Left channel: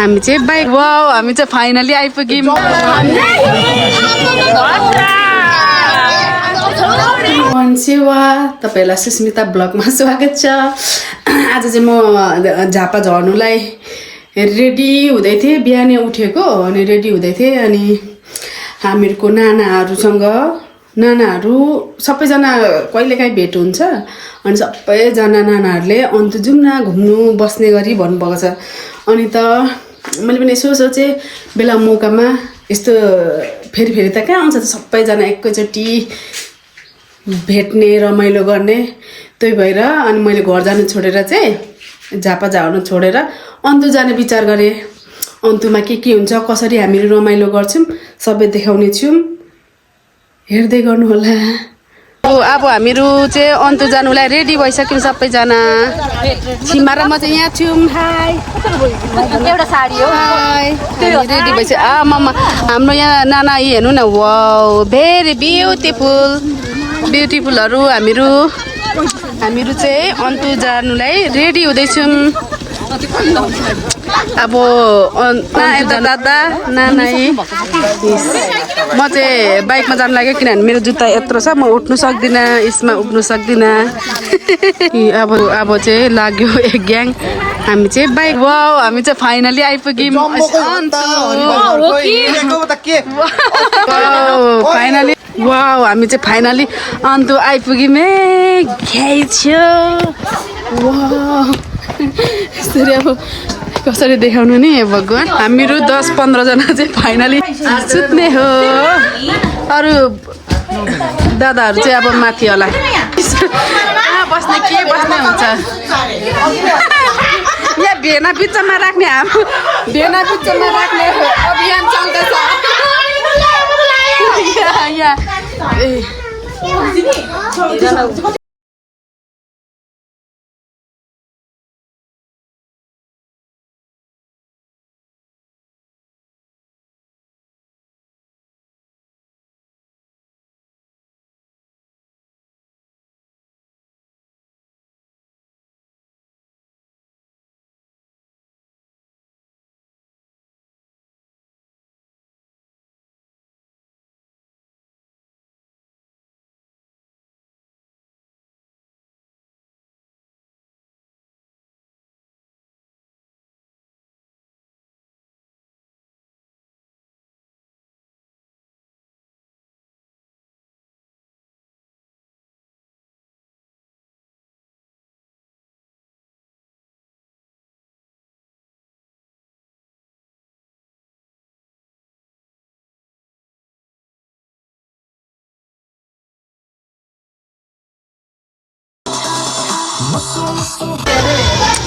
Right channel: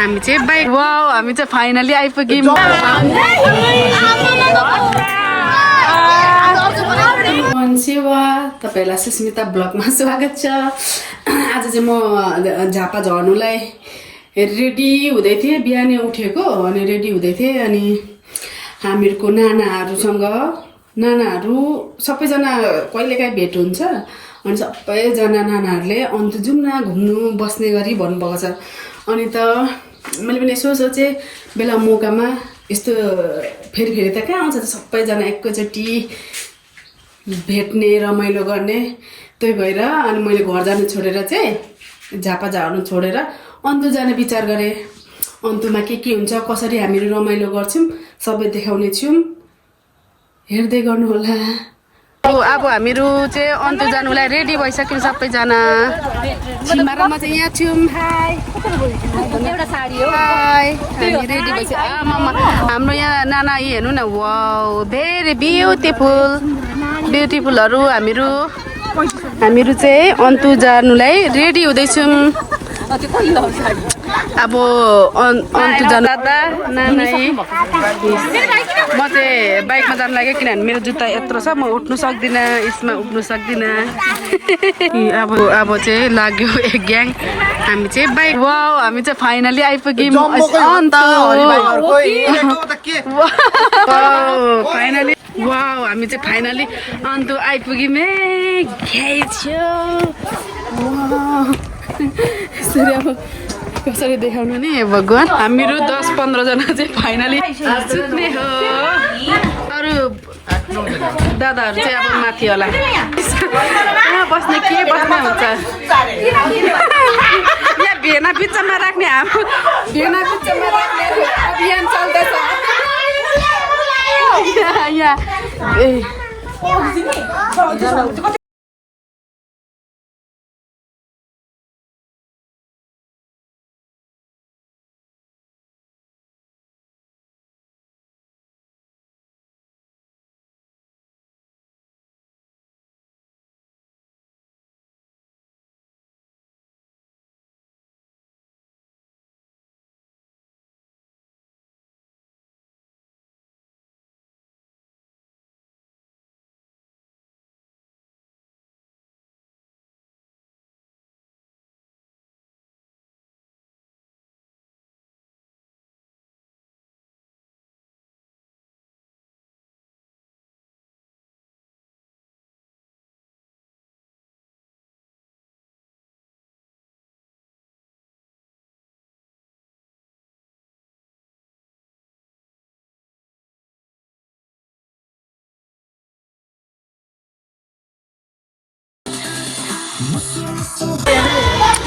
हामी चाहिँ bike wow हामी चाहिँ फाइनली आइपुग्यौँ। सेवा तपाईहरुलाई सुस्मिता ब्लगमा स्वागत छ। आज चाहिँ म झापा झर्नुलाई रेडी हुँदै थिएँ, बिहानै उठेको अनि रेडी हुँदै थिएँ अनि हामीहरूको नानाहरू सबैजना कहिलेकाहीँ भेट हुन्छ अनि सबैजना नानाहरूले अन्त जाउँ न घुम्नु बस्ने गरी भन्नुभएको छ। अनि त मैले पनि यसो सोचेँ बेला मौकामा यस्तो फेरि त कहाँ आउँछ त सबैजना एकैचोटि भेट्ने रमाइलो गर्ने, त्यही भएर अनि मैले घर जानु छोडेर चाहिँ झापा झर्नु छोडेर अन्तु जाने विचार गरेँ। अन्तुमा के हुन्छ कसरी हामीहरू रमाइलो गर्छौँ सबै देखाउने छौँ, हेर्दै गर्नु होला। अब हामीहरू चाहिँ अन्तु जानुलाई रेडी भइसक्यौँ सबैजना। सीमा र म चाहिँ यहाँ छौँ। हाई एउटा साडी हो। हाई हामी रेडी भइसक्यो। मम्मा हाम्रो यहाँ नाना यी हेर्नु न, वाउ भेरी ब्युटिफुलहरू। हामीहरू चाहिँ अन्तु जानुलाई रेडी हुँदैछौँ। अब अन्तु दादा नाना म चाहिँ बाइकमा जानु लाग्यो किनभने मेरो जुत्ता यत्रो छ, म उठ्नु सक्दिनँ, यसमा उठ्नु सक्दिनँ। अब चाहिँ लाग्यो एक ग्याङ। हामी चाहिँ बाइक वाउ हामी चाहिँ फाइनली आइपुग्यौँ अन्तु। फाइनली वाउ हामी चाहिँ फाइनली अन्तु आइपुग्यौँ। वाउ यसरी अब कसरी देखाउनु नि भगवान्। हामीहरू 10-15 जना चाहिँ फाइनली सुत्ने हो। अरू दादाहरू चाहिँ अब माथि होला। कहाँ बस्ने के बस्ने हुन्छ यहाँ भेना बिचमा राख्ने, हाम्रो भेना बिचमा राख्ने अभियान चल्दैछ यहाँ।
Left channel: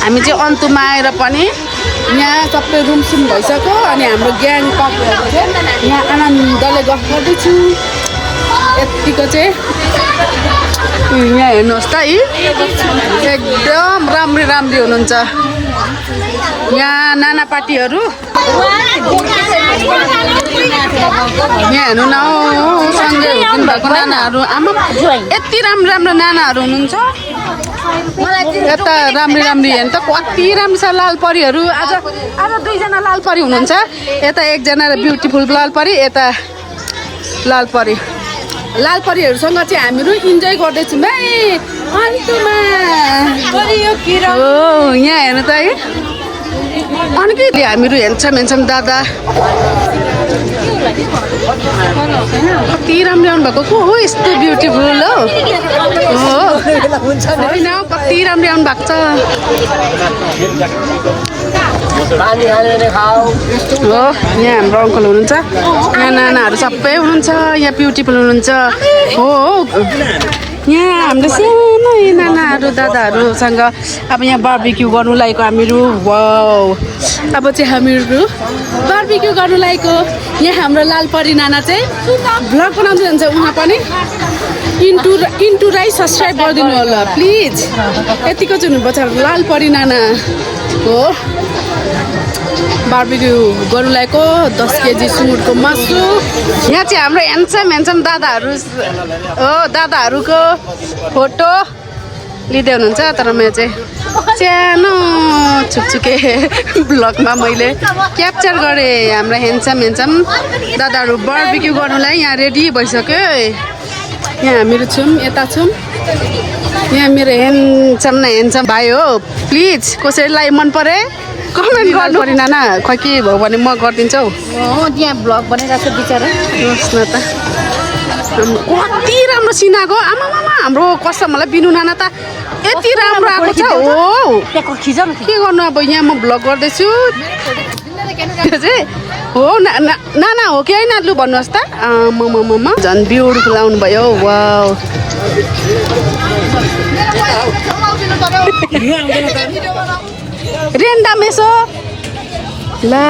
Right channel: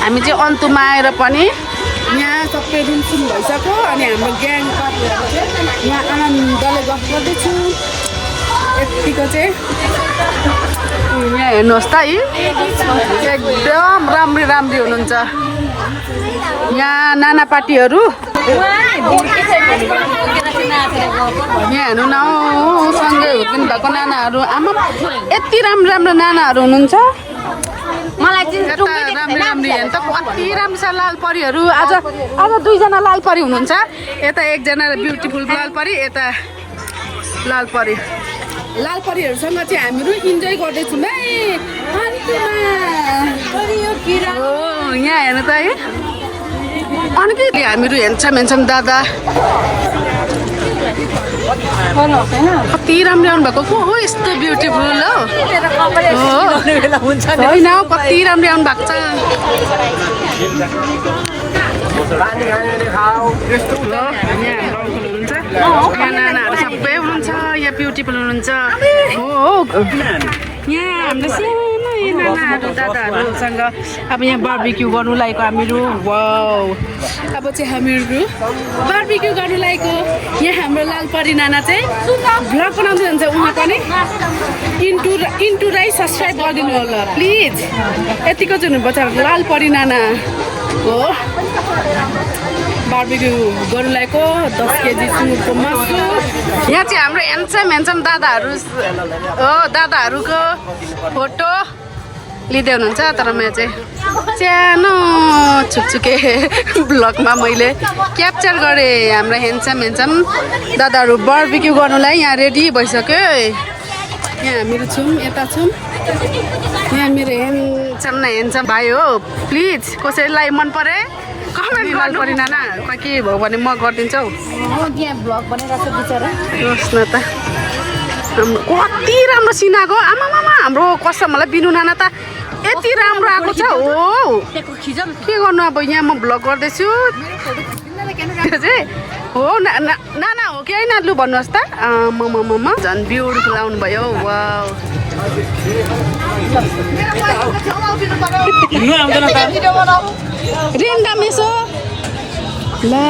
हामी चाहिँ अन्तुमा आएर पनि यहाँ सबै रुमसुम भइसक्यो अनि हाम्रो ग्याङ पार्टीहरू चाहिँ यहाँ आनन्दले गफ गर्दैछु। यतिको चाहिँ यहाँ हेर्नुहोस् त एकदम राम्री हुनुहुन्छ यहाँ नाना पार्टीहरू। यहाँ हेर्नु न सँगै हुर्किनु भएको नानाहरू। आमा यति राम्रो नानाहरू हुनुहुन्छ। यता राम्री हेर्नु त कति राम्रो छ लाल परीहरू। आज 2जना लाल परी हुनुहुन्छ, यता एकजना ब्युटिफुल लाल परी, यता लाल परीहरूसँग चाहिँ हामीहरू इन्जोय गर्दैछौँ है अन्तुमा। यहाँ हेर्नु त है अनि के हामीहरू हेर्छौँ दादा कति राम्रो आउनु भएको को हो, यस्तो ब्युटिफुल हो होइन कति राम्रो आउनु भएको छ। हो यहाँ हाम्रो अङ्कल हुनुहुन्छ, यहाँ नानाहरू सबै हुनुहुन्छ, यहाँ ब्युटिफुल हुनुहुन्छ। हो यहाँ हाम्रो सानो नानाहरू दादाहरूसँग अब यहाँ बार्बिक्यू गर्नु लागेको हामीहरू। वाउ अब चाहिँ हामीहरू बार्बिक्यू गर्नु लागेको। यहाँ हाम्रो लाल परी नाना चाहिँ भ्लग बनाउँदै हुन्छ, उहाँ पनि इन्टु राई सब्सक्राइब गरिदिनु होला प्लिज। यतिको चाहिँ हुनुपर्छ लाल परी नाना हो। बार्बिक्यू गर्नु लागेको 10 केजी सुँगुरको मासु। यहाँ चाहिँ हाम्रो ह्यान्डसम दादाहरूको फोटो लिँदै हुनुहुन्छ तर म चाहिँ सानो छुकछुके ब्लगमा मैले क्याप्चर गरेँ हाम्रो हेन्सम दादाहरू बारबिक्यू गर्नुलाई यहाँ रेडी भइसक्यो यहाँ हामीहरू छौँ यता छौँ यहाँ मेरो हेन्सम भाइ हो प्लिज कसैलाई मन परे कमेन्ट गर्नु पऱ्यो नाना खै के भयो भने म गरिदिन्छु हौ यहाँ भ्लग बनिरहेको छ बिचरा होस् न त हाम्रो कति राम्रो सिनाको आमामामा हाम्रो कस्टमरलाई बिनु नाना त यति राम्रो आएको छ हो के गर्नु अब यहाँ म भ्लग गर्दैछु त्यो चाहिँ हो नाना हो कि होइन लु भन्नुहोस् त मम झन् ब्युटिफुल आउनुभयो वाउ रेन्डा मेसो ला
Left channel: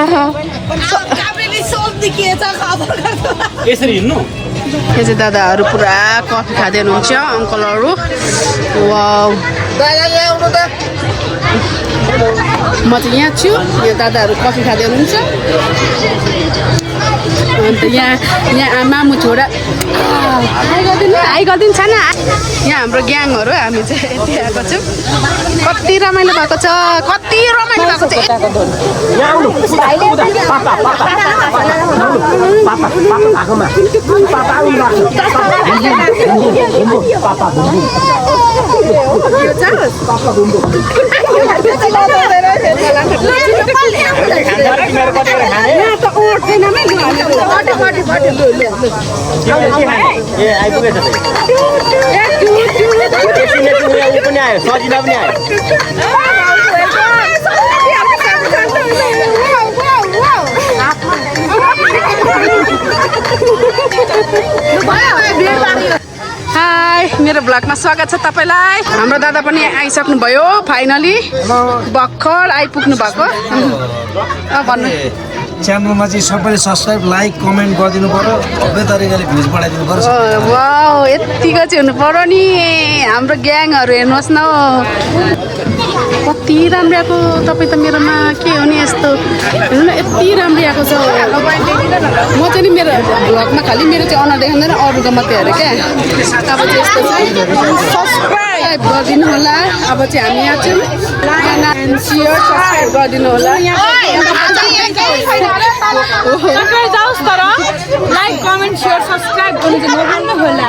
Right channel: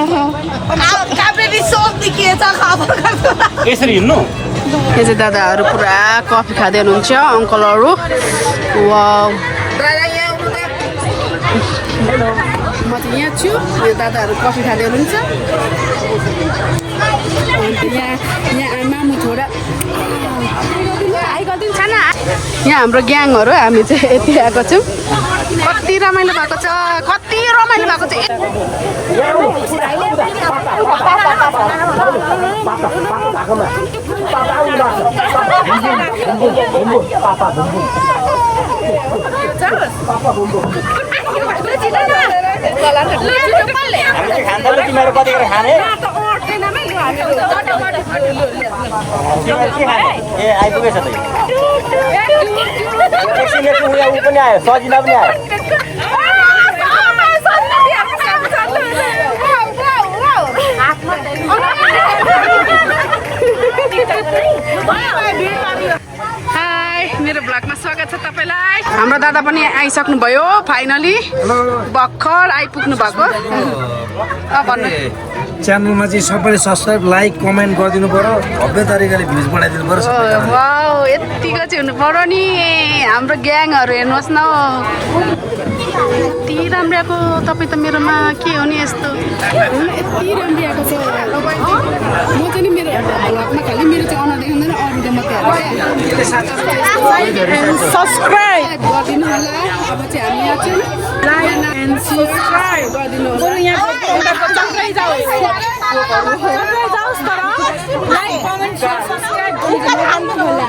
यसरी हिँड्नु यहाँ चाहिँ दादाहरू पुरा कफी खाँदै हुनुहुन्छ अङ्कलहरू वाउ म चाहिँ यहाँ छु यो दादाहरू कफी खाँदै हुनुहुन्छ अन्त यहाँ मामु छोरा आइगरिदिनु छैन यहाँ हाम्रो ग्याङहरू हामी चाहिँ यति आएको छौँ कति रमाइलो भएको छ सजिलो पनि आयो हाई मेरो ब्लगमा स्वागत छ तपाईँलाई हाम्रो दादा पनि आइसक्नु भयो फाइनली भर्खर आइपुग्नु भएको भन्नु च्यानलमा चाहिँ सबैले सब्सक्राइब लाइक कमेन्ट गरिदिनु पर्यो भव्य तरिकाले भ्युज बढाइदिनु पर्यो वाउ यतिको चाहिँ हुनु पर्यो नि हाम्रो ग्याङहरू हेर्नुहोस् न कति राम्रो आएको तपाईँ त मेरोमा के हो नि यस्तो यति राम्रो आएको छ म चाहिँ नि मेरो भ्लगमा खालि मेरो चाहिँ अनुहार देखाउँदैन अरूको मात्रै हेरेँ क्या अब चाहिँ यस्तो सब्सक्राइब गरिदिनु होला अब चाहिँ हामी यहाँ छौँ गरिदिनु होला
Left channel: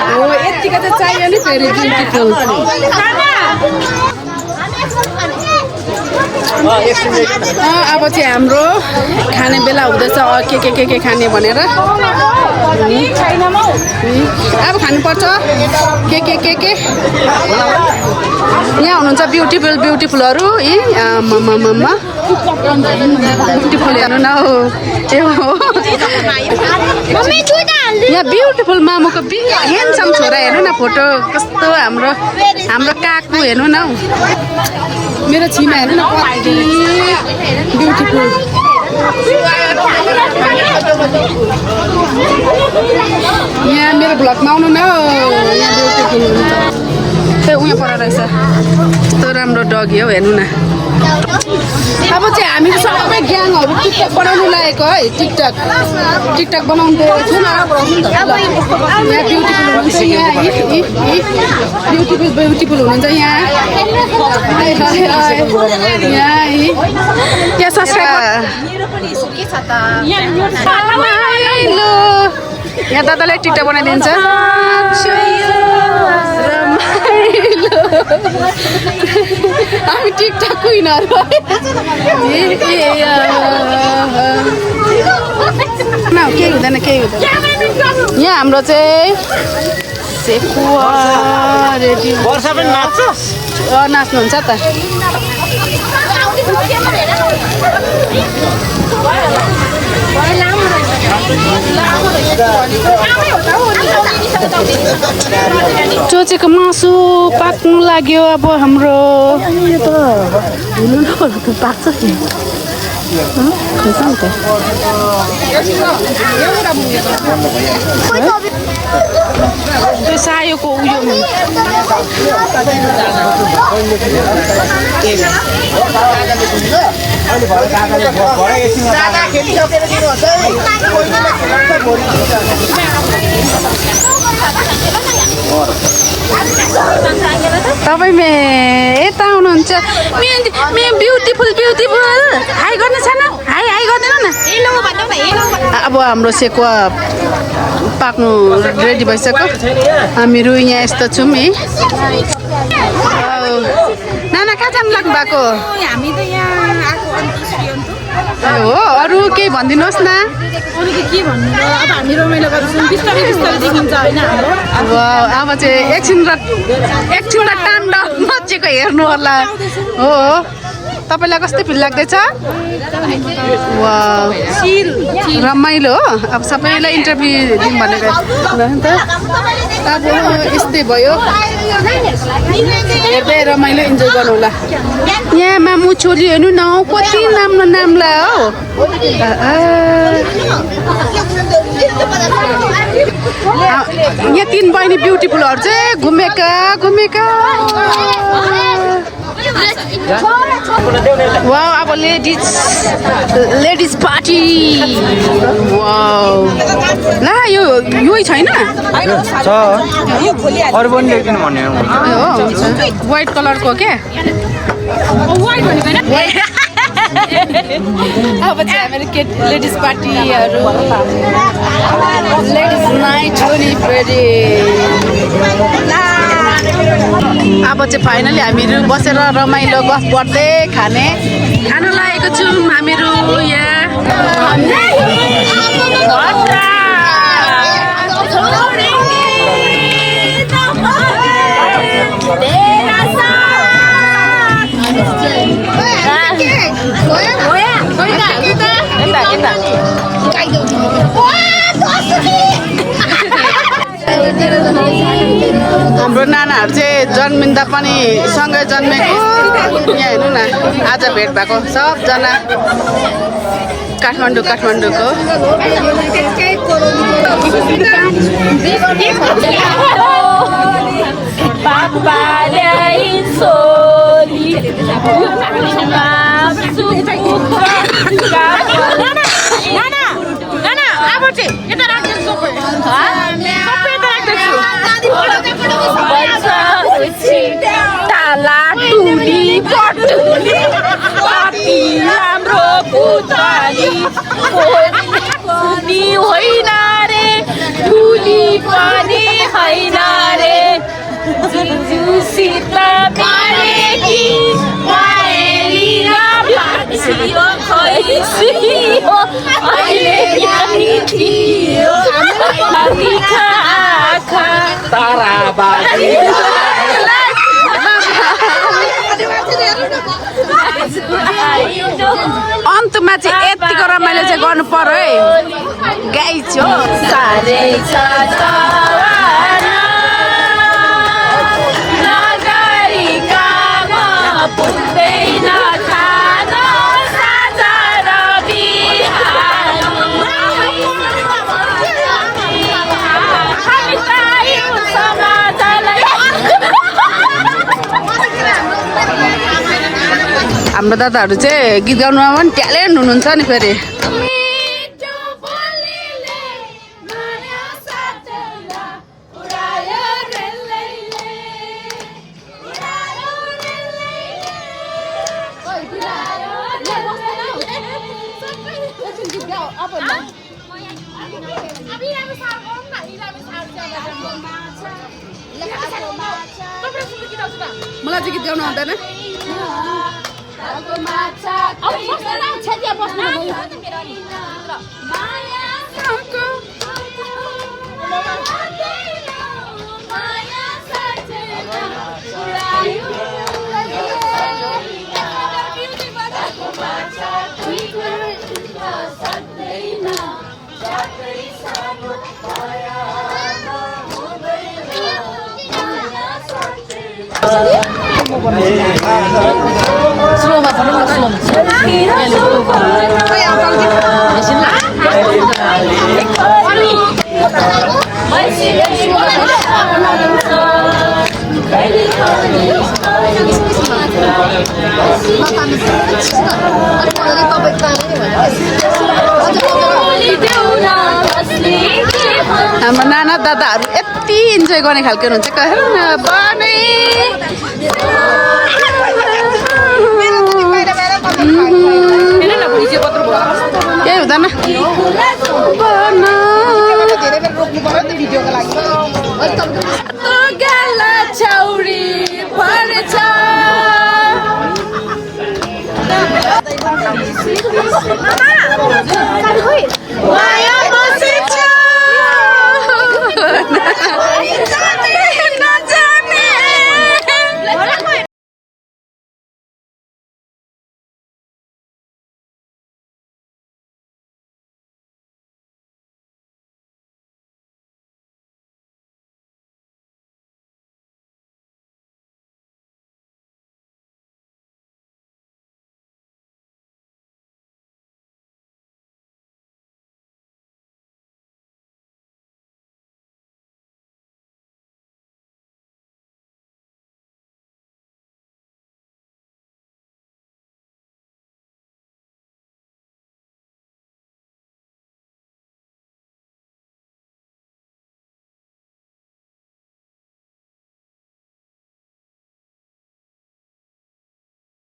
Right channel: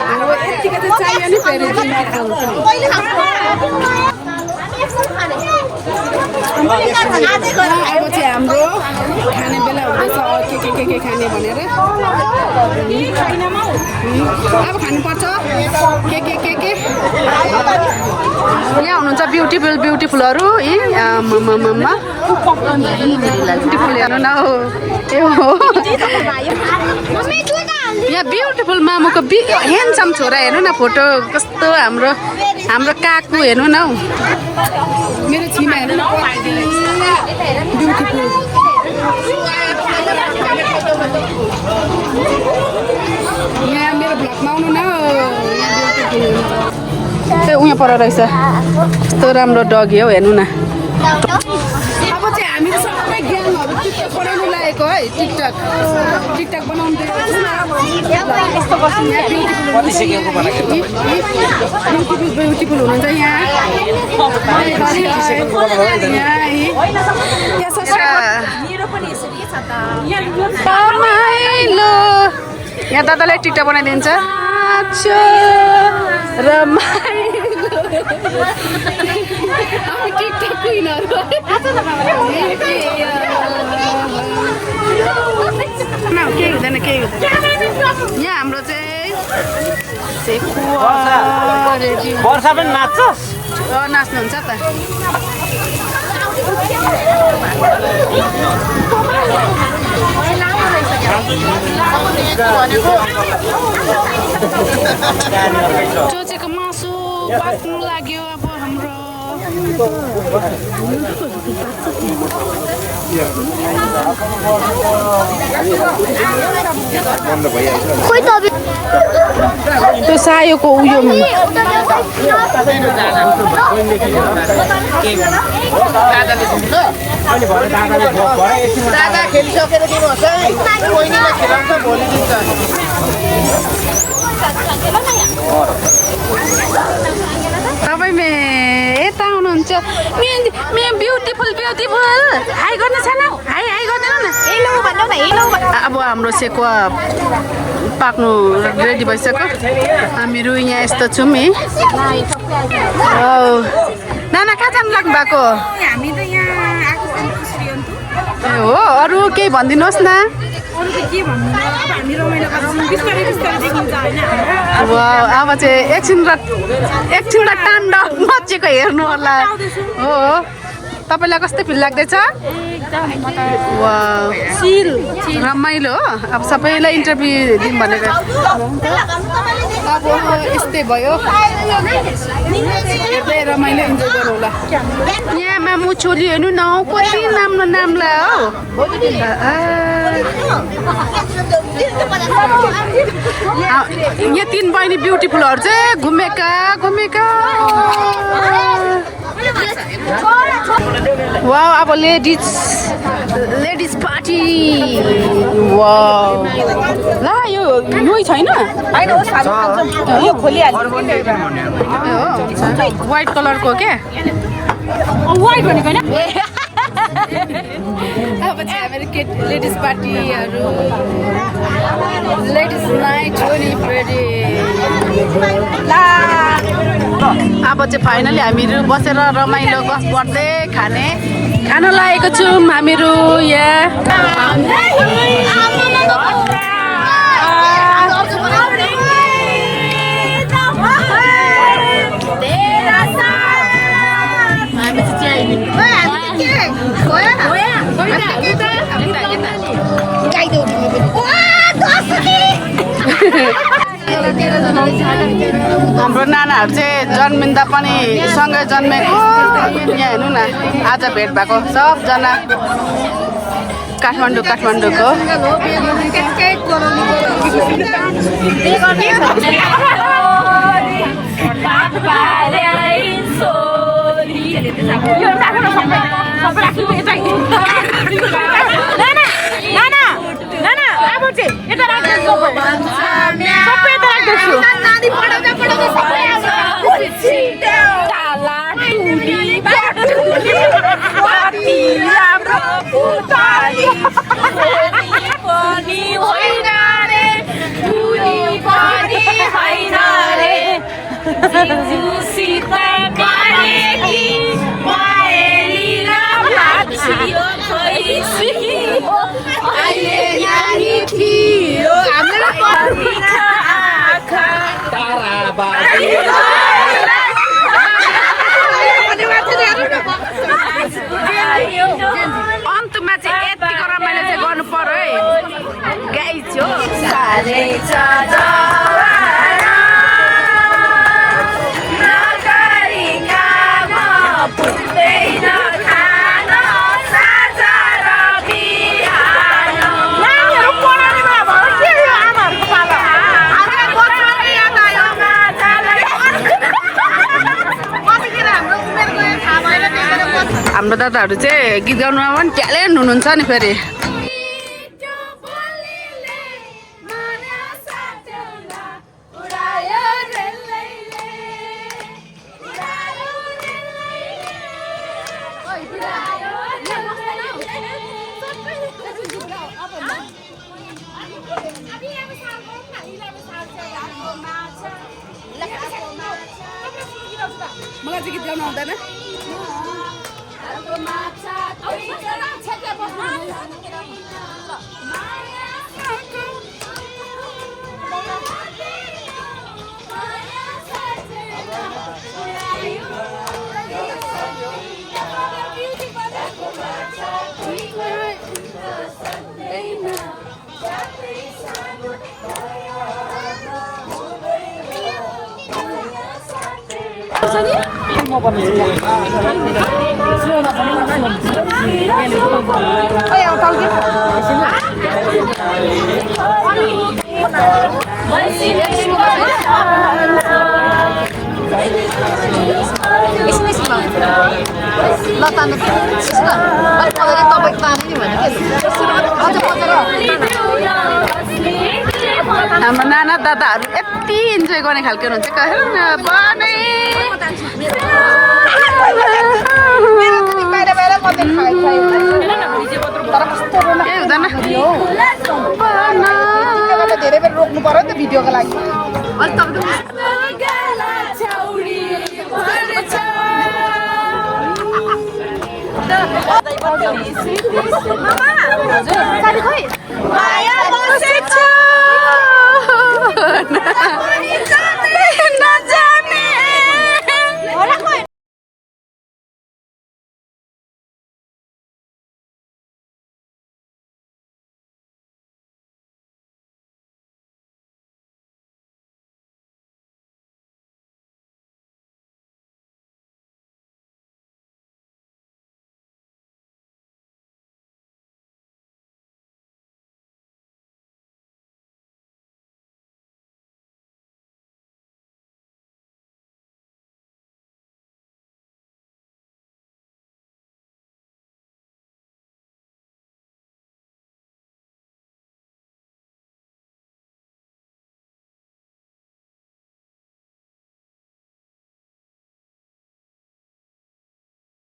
हो यतिको चाहिँ चाहियो नि फेरि ब्युटिफुल अब चाहिँ हाम्रो खाने बेला हुँदैछ के खाने भनेर अब खानुपर्छ के यहाँ हुनुहुन्छ ब्युटिफुलहरू ब्युटिफुल हेर्नु न हो ए हो यहाँ ब्युटिफुल मामुको ह्यान्डसम छोरा हेर्नु न फोटो कस्तो हाम्रो काकु हेर्नु न हौ मेरो छिमा हेर्नु न कति ब्युटिफुल यहाँ मेरो भ्लगमा आउनु न यहाँ ब्युटिफुल हुन्छ ए उहाँ पर रहेछ कस्तो राम्रो डगी हौ हेर्नु न अब चाहिँ हामीहरू सबै ग्याङहरू टिकटक बनाउनु लागेको है टिकटक बनाउँदै छु न यहाँ ब्युटिफुल हुनुहुन्छ यहाँ ब्युटिफुल हुनुहुन्छ यहाँ यहाँ दादाले टिकटक बनाइदिन्छ हामी टिकटक क्विनहरू केही हुँदैन यहाँ हाम्रो चाहिँ सेकुवा रेडी नाच्नुहुन्छ त चोचेको मासु पाक्नु लाग्यो अब हाम्रो त्यो सायोको उयो नि तपाईँ यता आउनुहुन्छ ब्युटिफुल हाई गर्ने छैन हाई गर्दैन न अब हाम्रो सेकुवा पाक्नु रेडी भइसक्यो हामीहरू यहाँ यस्तो छौँ है नाना कहाँ जानु लाग्नु भएको हामी त यहाँ आएको ए हो अरू केही भनिदिनुहोस् न अरू त के भन्नु र अब हामी रमाइलो गर्छौँ बिस्तारै देखिन्छ होइन अब चाहिँ एकछिनलाई ताण्डव मचेको हेर्नु होला हो तपाईँलाई कस्तो फिल लाग्दैछ रमाइलो हो अब सबैलाई इन्टरभ्यू दिउँ भनेको अब यस्तै भयो हेर्दै रमाइलो इन्जोय गर्नु होला यहाँ मामु छोरी हेर्नु न कति राम्रो नामलाई हो यहाँ 3 बहिनी ब्युटिफुलहरू चाहिँ घुमेका वाउ अब लेडिज पार्टी वाउ ला यो छैन हो हुन्छ व्हाइट कलरको क्या अब चाहिँ हाम्रो लेडिज पार्टीहरू लेडिज नाइट अब चाहिँ फाइनली हामीहरू बसेर रमाइलो गफ गर्दै खान लागेको छौँ हामीहरू यहाँ हाम्रो नानाहरू चाहिँ जन्मिँदा पनि सँगै जन्मेको यहाँ हेर्नु न आज भेट भएको सबजना काठमाडौँको अन्तमा चाहिँ यतिको रमाइलो चाहिँ गर्नु पर्यो है गाइस हो हाम्रो दादाहरू चाहिँ गीत गाउनुमा पनि ट्यालेन्ट हुनुहुन्छ नि फेरि मलाई चाहिँ गीत गाउनु आउँदैन हाम्रो नाना दादाहरू यति इन्जोय गर्ने खालको हुनुहुन्छ केही हुँदैन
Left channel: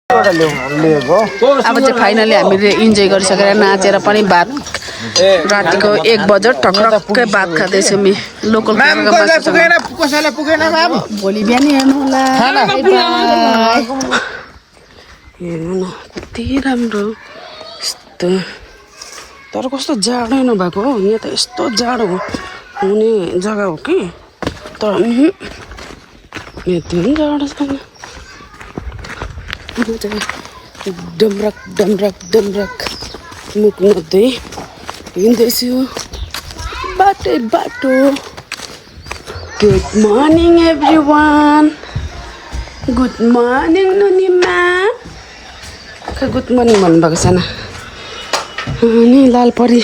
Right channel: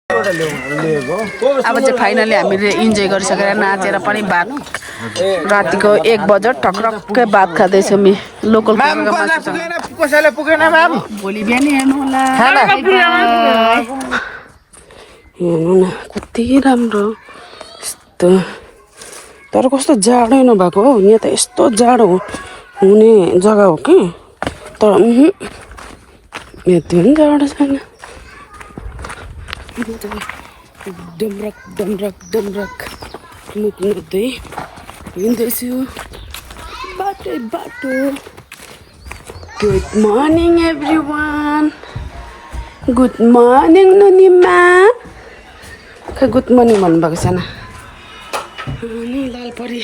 अब चाहिँ फाइनली हामीले इन्जोय गरिसकेर नाचेर पनि भात रातिको 1 बजे टक्रक्कै भात खाँदैछौँ लोकल भोलि बिहान हेर्नु होला हेर्नु न कति राम्रो यस्तो तर कस्तो जाडो नभएको हो यहाँ त यस्तो जाडो हुने जग्गा हो कि तर यति पनि जाडो छैन डमरक डमरक डमरक मुख नदै हिँड्दैछु बाटो बाटो good morning everyone good morning नुनिमा गुड मर्निङ भन्नुभएको छैन अनि लालपरी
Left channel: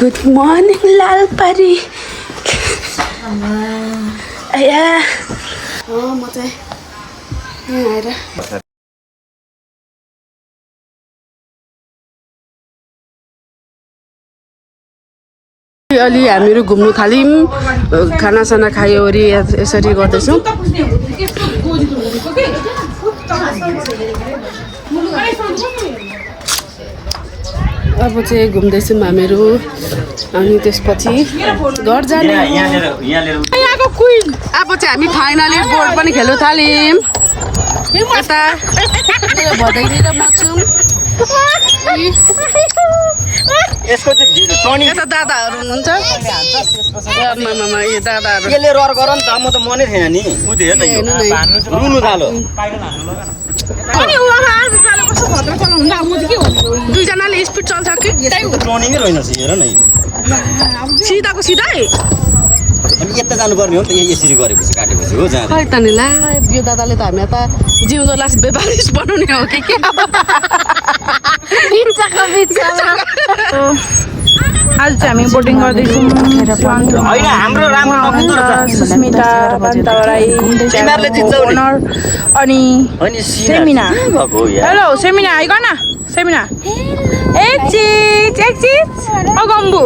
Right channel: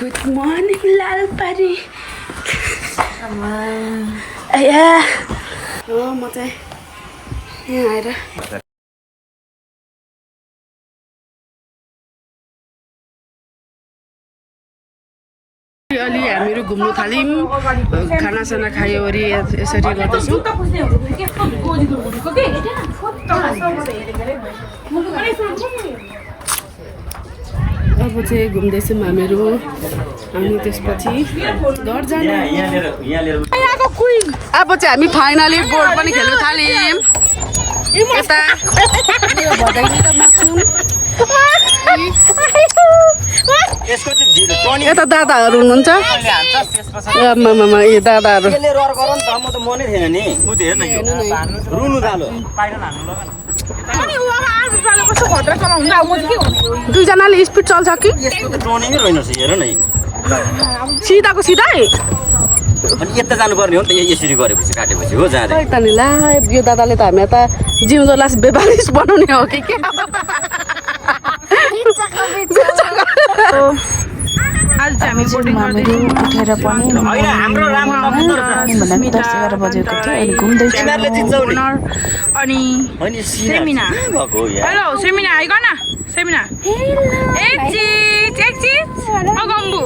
गुड मर्निङ लालपरी आया म चाहिँ यहाँ आएर अलि हामीहरू घुम्नु थाल्यौँ खानासाना खायोवरी यसरी गर्दैछौँ अब चाहिँ घुम्दैछौँ हामीहरू अनि त्यसपछि घर जाने अब चाहिँ हामी फाइनली बोर्ड पनि खेल्नु थाल्यौँ यता भदैनी र म छौँ यता दादाहरू हुनुहुन्छ दादाहरू दुईजनाले स्पिड चल्छ कि सिधाको सिधै अनि यता जानुपर्ने हो नि त यसरी गरेपछि काटेपछि हो जाँदा खै त नि ला यो दादाले त हामीलाई त जिउँदोलाई बेबालिस बनाउने हो कि के आज चाहिँ हामी बोटिङ गर्दैछौँ उठेर पनि सुस्मिता ओनर अनि सेमिना हेलो सेमिना आइगन सेमिना एक चिज अगम्बु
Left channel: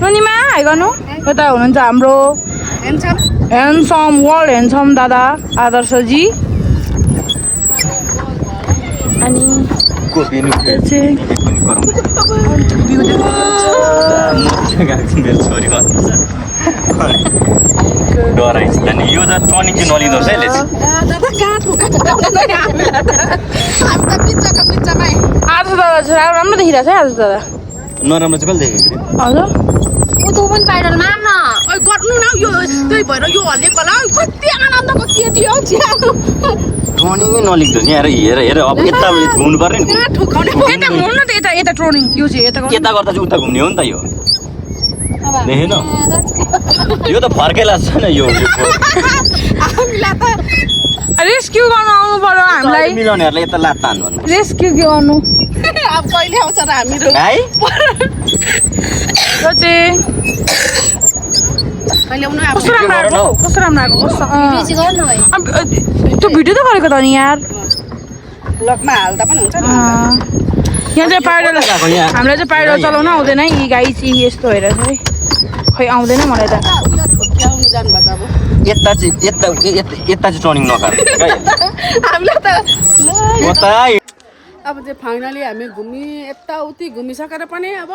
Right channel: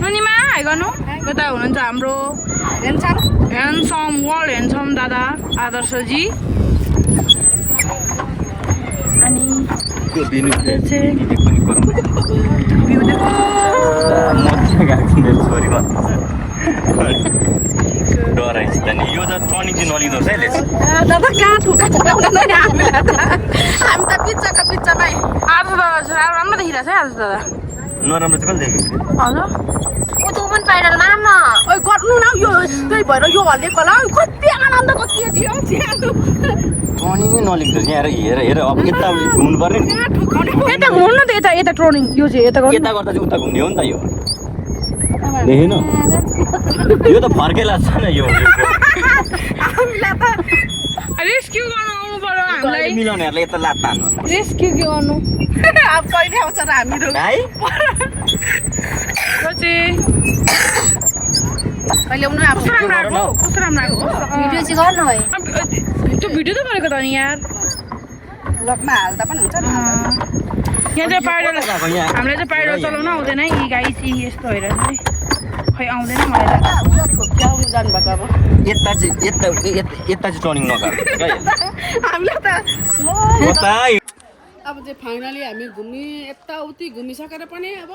नुनिमा आइगनु यता हुनुहुन्छ हाम्रो ह्यान्डसम वर्ल्ड ह्यान्डसम दादा आदर्शजी अनि यो त टनिक चाहिँ नलिँदो है आज दादा राम्रो देखिरहेको छ आज दादा नराम्रो चाहिँ कहिले देखेको हजुर गर्नु न यो त्यही भएर यो हल्लिएको होला कति आनन्द त केटी हो टर्निङै नलिँदो नि हेर अब यता घुम्नु पर्ने नि यता घुम्नु त यता ट्रोनिङ यो चाहिँ यता गर्नु यता गर्दा चाहिँ उता घुम्ने हो नि त यो देखेन यो त फर्कै लाग्छ नि यो रेस्क्यु गर्नु आउनु पर्यो हामीलाई मिलाउनेहरूलाई यता लात तान्नु रेस्क्यु गर्नु अब कहिले आउँछ र हामीहरू है यो चाहिँ कहिले आउनु कस्तो राम्रो आएको कस्तो राम्रो आएको त्यो भिडियो त गरेको त नि यार लगमा हाल्दा पनि हुन्छ नि यहाँ चाहिँ पाइडल हामीलाई चाहिँ पाइडल चलाउन आउँदैन यी गाई चाहिँ यस्तो हेरेर चाहिँ खै आउँदैन मलाई त जानुभएको अब यता चाहिँ टर्निङ नगर हामीलाई त कता अब चाहिँ फाइनली हामी यताउति घुमिसकेर पनि अब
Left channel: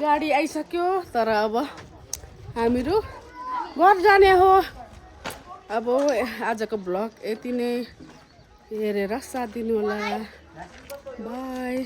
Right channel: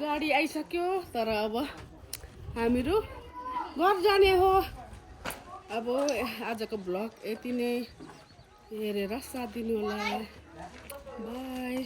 गाडी आइसक्यो तर अब हामीहरू घर जाने हो अब आजको भ्लग यति नै हेरेर साथ दिनु होला बाई